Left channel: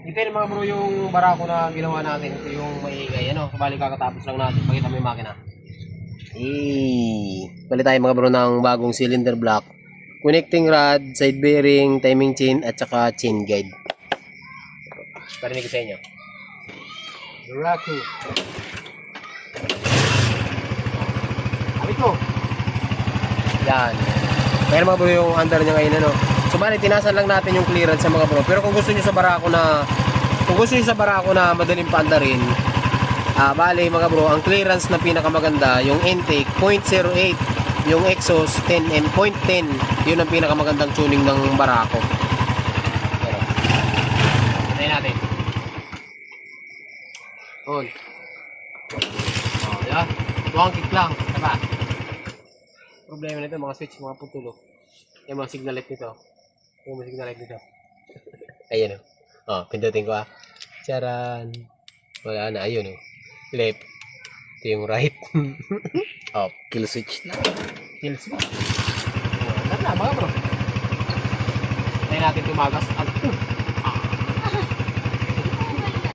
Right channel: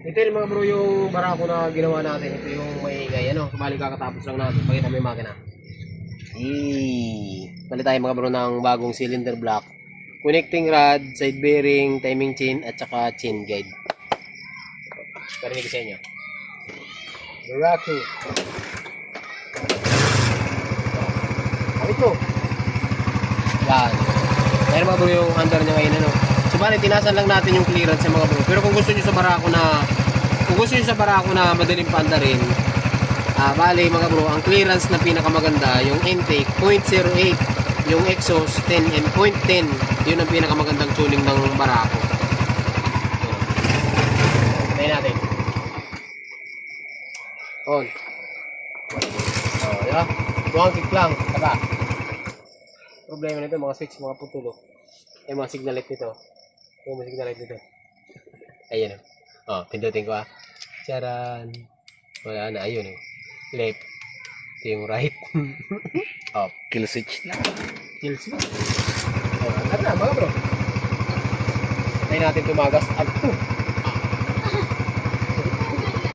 Ito yung mga bro yung barako na ginawa natin. Ito yung maingay. Ano, sabali kakatapos lang natin. Pakita mo yung makina. Bali tayo mga bro ng bagong cylinder block. Connecting rod, side bearing, timing chain, at saka chain guide. Parinig ko sa inyo. Barako. Kapit mo. Yan. Kaya mga bro yung under niya ngayon ano. Sumali, tinasan lang natin yung clearance sa mga bro. Pero kung gusto niyo sa barako na madaling paandarin, bali mga bro, ang clearance na pinakamaganda, yung intake 0.08, yung exhaust 10 and 0.10, yun ang pinakamagandang tuning ng barako. Tayo natin. On. Yan. Mukhang kick lang. Diba? Problema nito, mga switch, mga putulo. Yung mga signal light nito. Yung mga signal light nito. Ayan o. Pindutin ko Charan. Wala na. Ayun o. Left. Ito yung right. Kill switch lang. Kill switch. Wala na mga bro. Tayo natin tumagas.